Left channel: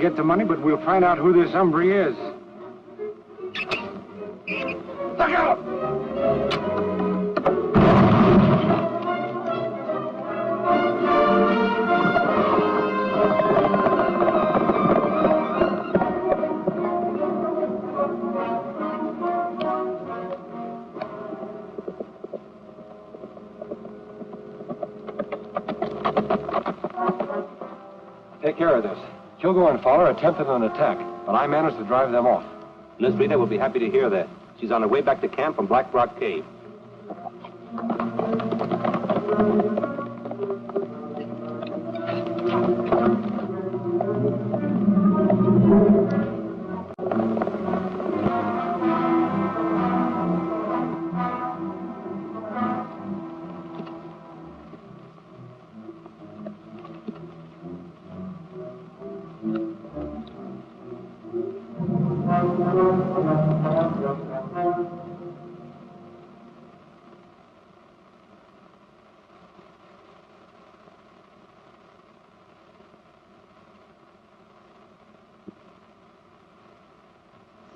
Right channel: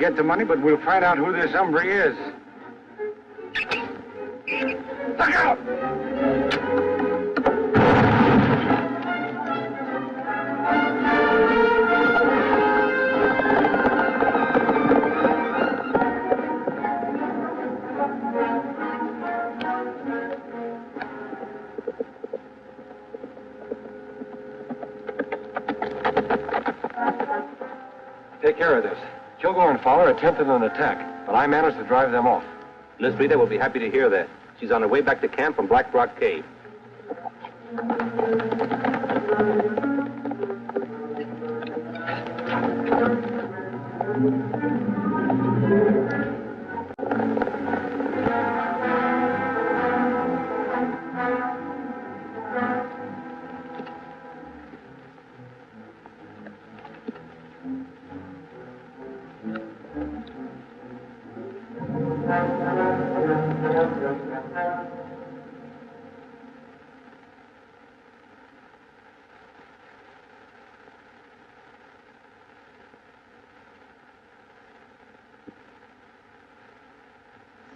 Get the money, but we'll find out who this hombre is. Look out! Take care of this. Hugo and Fowler attempted an attack, but I managed to drive them off. Miss Rita will be happy to hear that. She's on her way back to camp from Black Rock Cave.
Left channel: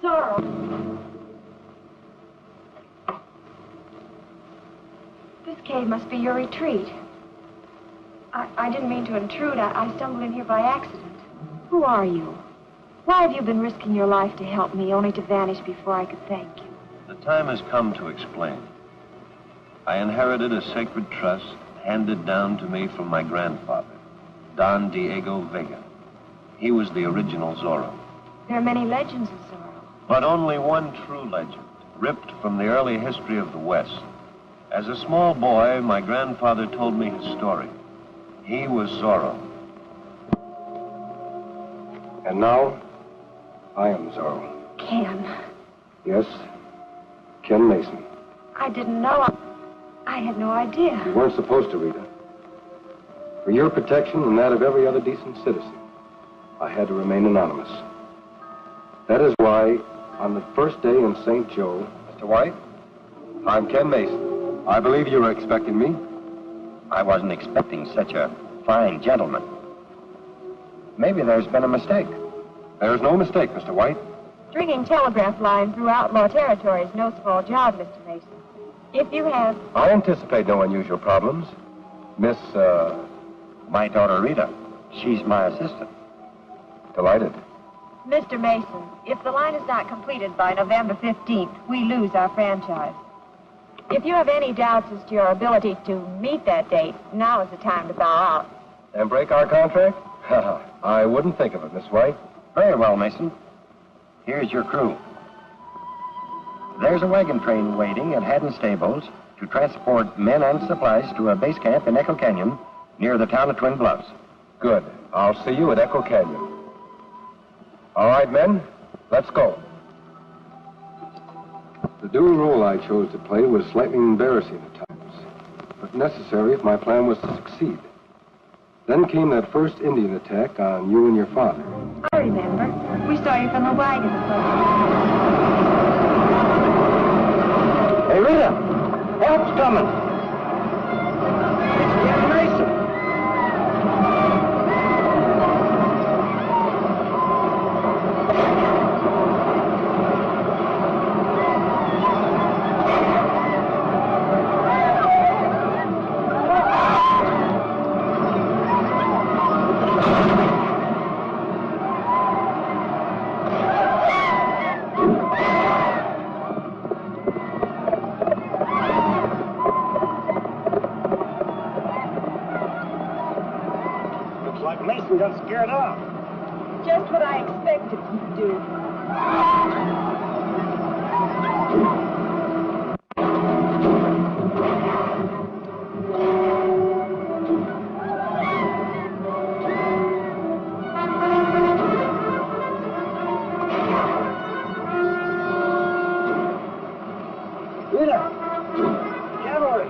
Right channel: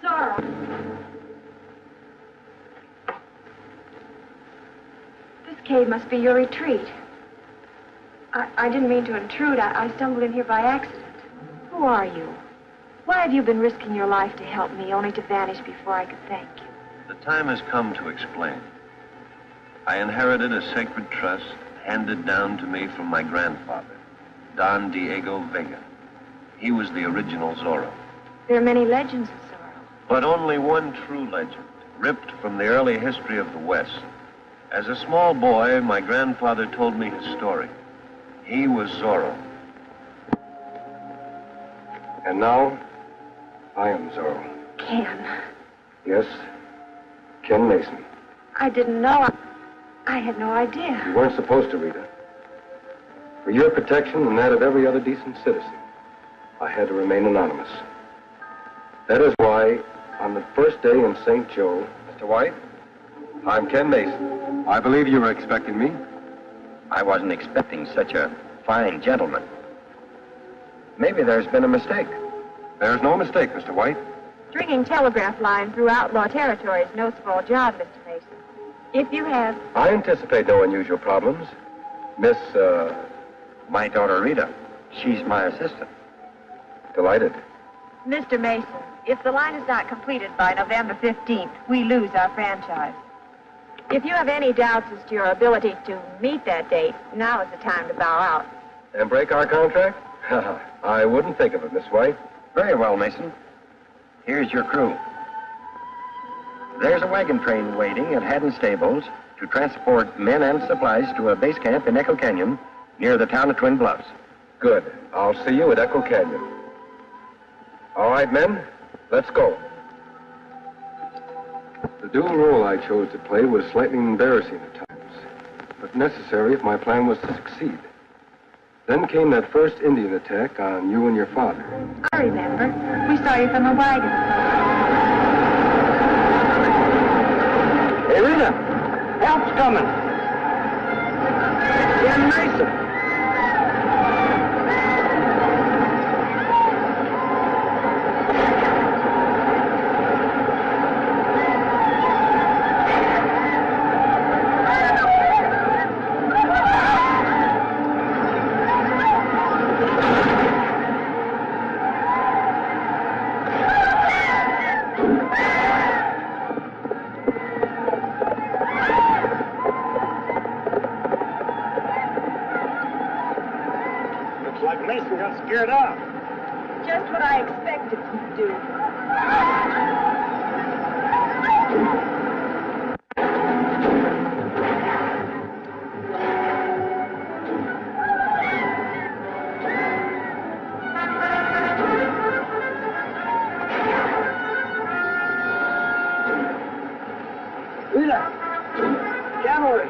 Zorro. This cave must be your retreat. I didn't mean to intrude. I stumbled in here by accident. Who are you? Why have you been risking your life to help me, only to vanish before I could thank you? The time has come to explain. I inherited a sacred trust handed down to me from my grandfather, Don Diego Vega. He was the original Zorro. There are many legends of Zorro. But only one true legend, ripped from the early history of the West. As a small boy, my grandfather told me his story. He was Zorro. And now, I am Zorro. Ken. Yes, Ken Mason. I didn't know. I had no idea. You weren't supposed to, Rita. For your protection and that of every other decent citizen, I had to remain anonymous. That is why, on the first day in St. Joe... Mr. White, I'm Ken Mason. I believe you were expecting me. I wasn't expecting such a fine gentleman. Maybe there's been a mistake. There's no mistake, Mr. White. Stringing telegraph lines through outlaw territory is no small job, Mr. Mason. If you have... I anticipate no unusual problems. Miss, My daughter, Rita. She's my assistant. Delighted. Mr. Mason, if the line is not completed by November 15th, we lose our franchise. If you have any doubts as to your ability to meet that date, now is the time to bow out. And break our contract? I wouldn't think of it, Miss White. Very well, Mason. Here's your crew. There's a wagon train waiting at Haddon Stables to transport men and supplies to a base camp in Echo Canyon near the town of Twin Bluffs. Good. I'll see you at Echo Canyon. All right, men, let's go. The dual role I chose to play was slightly embarrassing at times, but necessary if my plan was to succeed. Then came that first Indian attack on you and your father. I remember. We saw you from the wagon. Hey, Rita, help's coming. It's Ken Mason. Got scared off. Just what I expected you'd do. Rita, cavalry.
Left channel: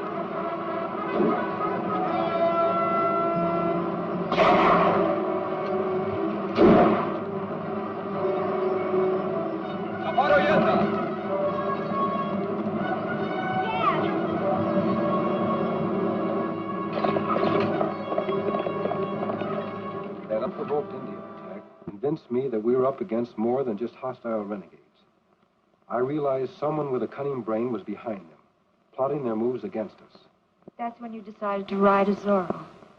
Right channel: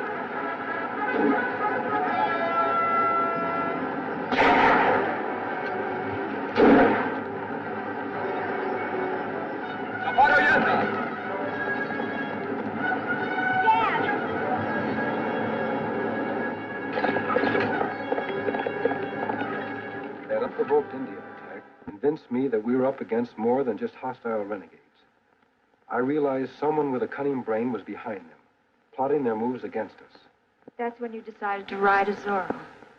That unprovoked Indian attack convinced me that we were up against more than just hostile renegades. I realized someone with a cunning brain was behind them, plotting their moves against us. That's when you decided to ride as Zorro.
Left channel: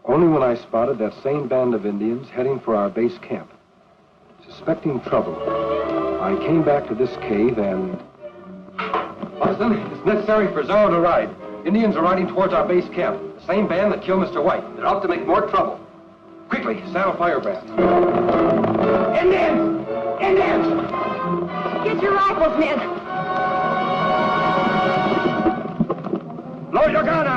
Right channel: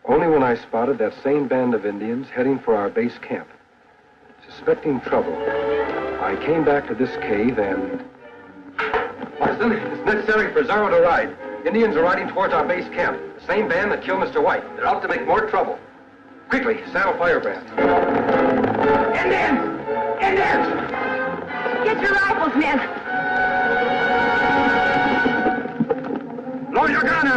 Only when I spotted that same band of Indians heading for our base camp. Suspecting trouble, I came back to this cave and... Marston, it's necessary for Zorro to ride. Indians are riding towards our base camp. The same band that killed Mr. White. They're out to make more trouble. Quickly, saddle Firebrand. Indians! Indians! Get your rifles, men. Load your gun!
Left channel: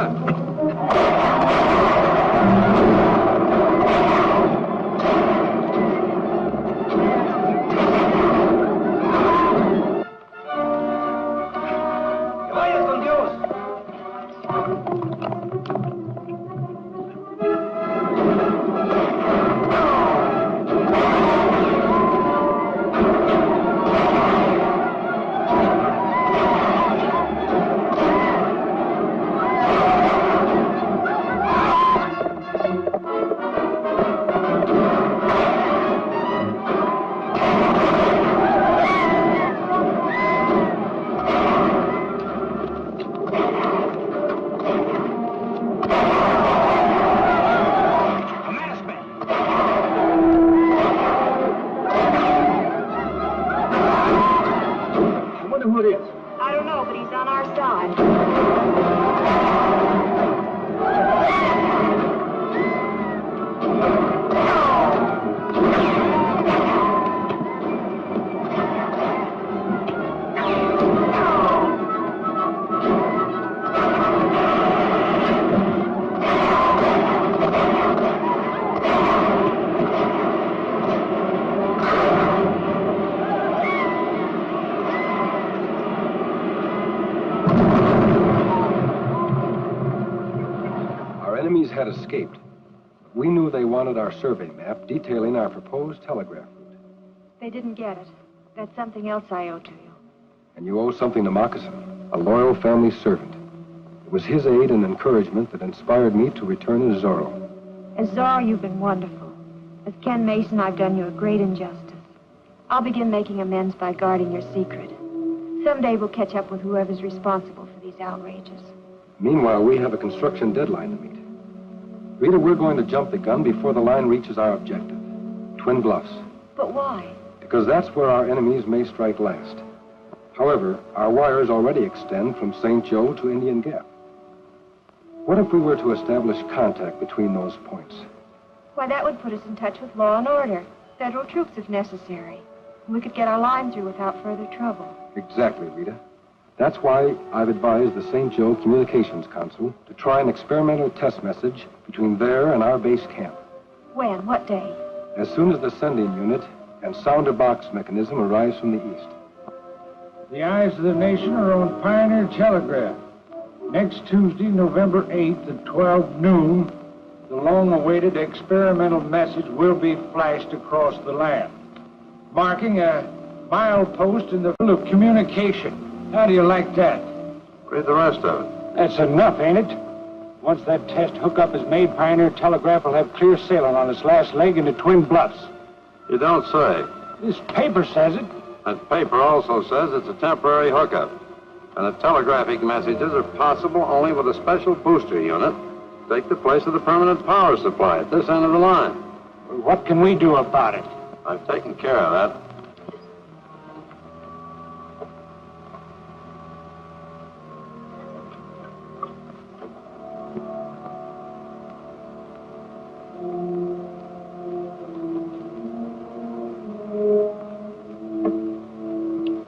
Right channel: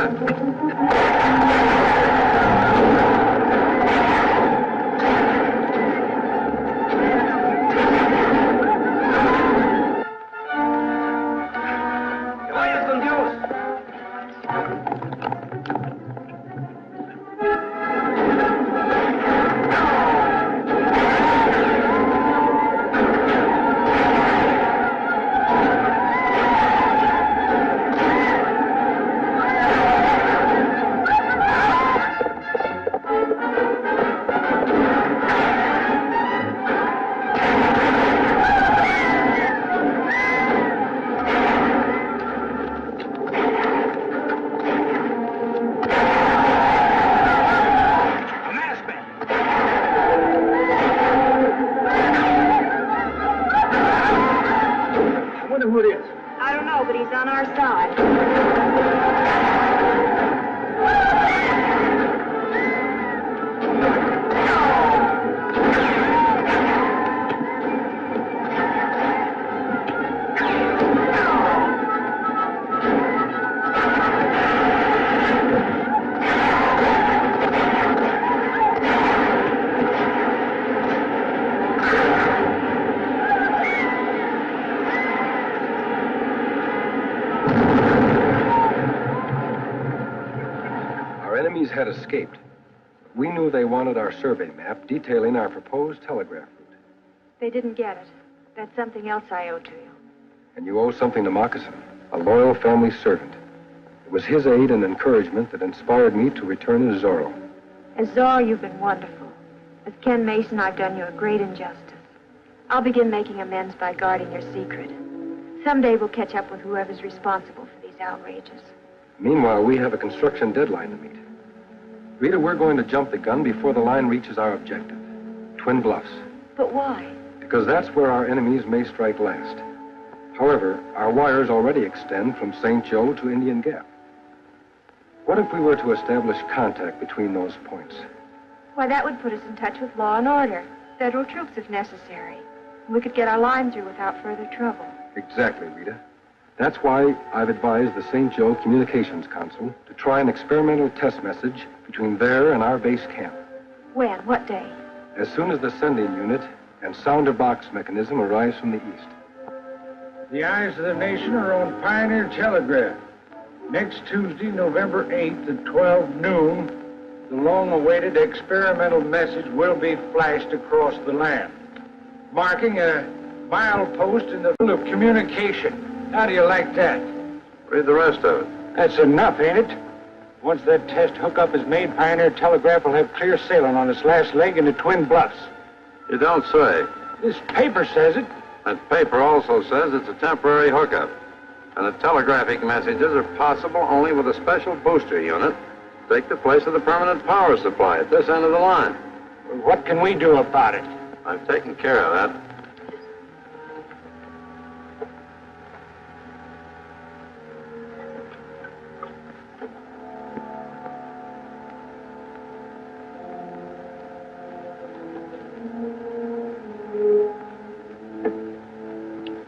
Had escaped. We knew they wanted our survey map detailing our proposed telegraph route. They didn't get it. That's something else I owe to you. And you owe something to Moccasin, a loyal family servant. It was his aid and encouragement that inspired me to return as Zorro. As Zorro, you've been wonderful. As Ken Mason, I've done you a great injustice. I'll begin making amends by guarding your secret. Someday we'll catch up with whoever's responsible for these outrages. Meanwhile, we have a construction deadline to meet. Rita, we're going to jump the gun before the line reaches our objective, Twin Bluffs. But why? Because that's where our enemies may strike last. However, our wires already extend from St. Joe to Indian Gap. What if we were to establish contact between those points? Why, that would put us in touch with law and order. Federal troops if necessary. We could get our line through without further trouble. Exactly, Rita. That's why I've advised the St. Joe Communications Council to try an experimental test message between there and our base camp. When? What day? As soon as the sending unit and sounder box mechanism arrives from the east. The eyes of the nation are on Pioneer Telegraph. Next Tuesday, November 8th at 12 noon, the long-awaited experimental message will be flashed across the land, marking a milepost in the field of communication. How do you like that? Read the rest of it. That's enough, ain't it? Once that test hookup is made, Pioneer Telegraph will have clear sailing on its last leg into Twin Bluffs. You don't say. This paper says it. That paper also says it's a temporary hookup. And the telegraphic messages are possible only with a special booster unit to take the place of the permanent power supply at this end of the line. Well, what can we do about it? I've taken care of that.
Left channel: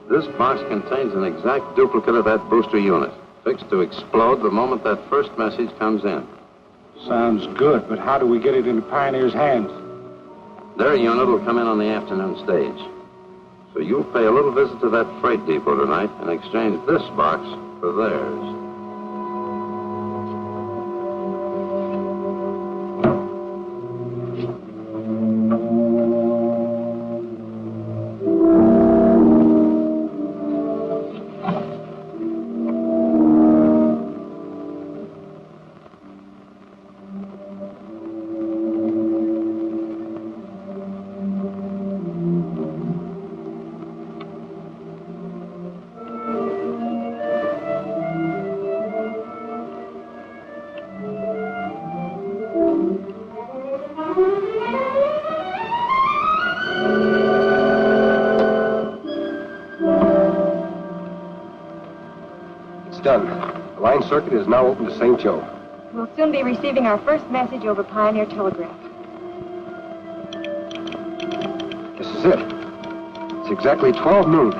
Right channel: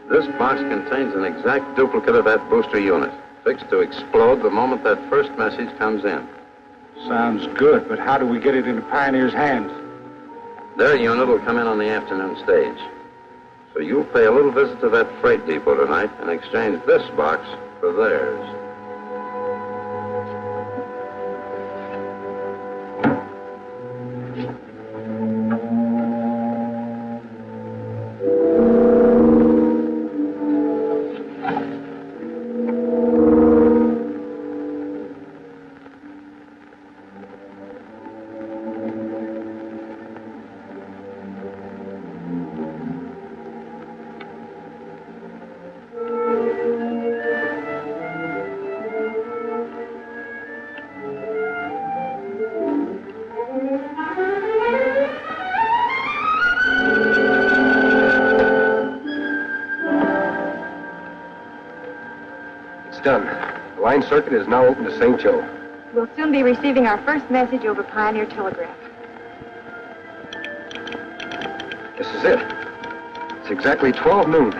This box contains an exact duplicate of that booster unit, fixed to explode the moment that first message comes in. Sounds good, but how do we get it into Pioneer's hands? Their unit will come in on the afternoon stage. So you'll pay a little visit to that freight depot tonight and exchange this box for theirs. Done. The line circuit is now open to St. Joe. We'll soon be receiving our first message over Pioneer Telegraph. This is it. It's exactly 12 noon.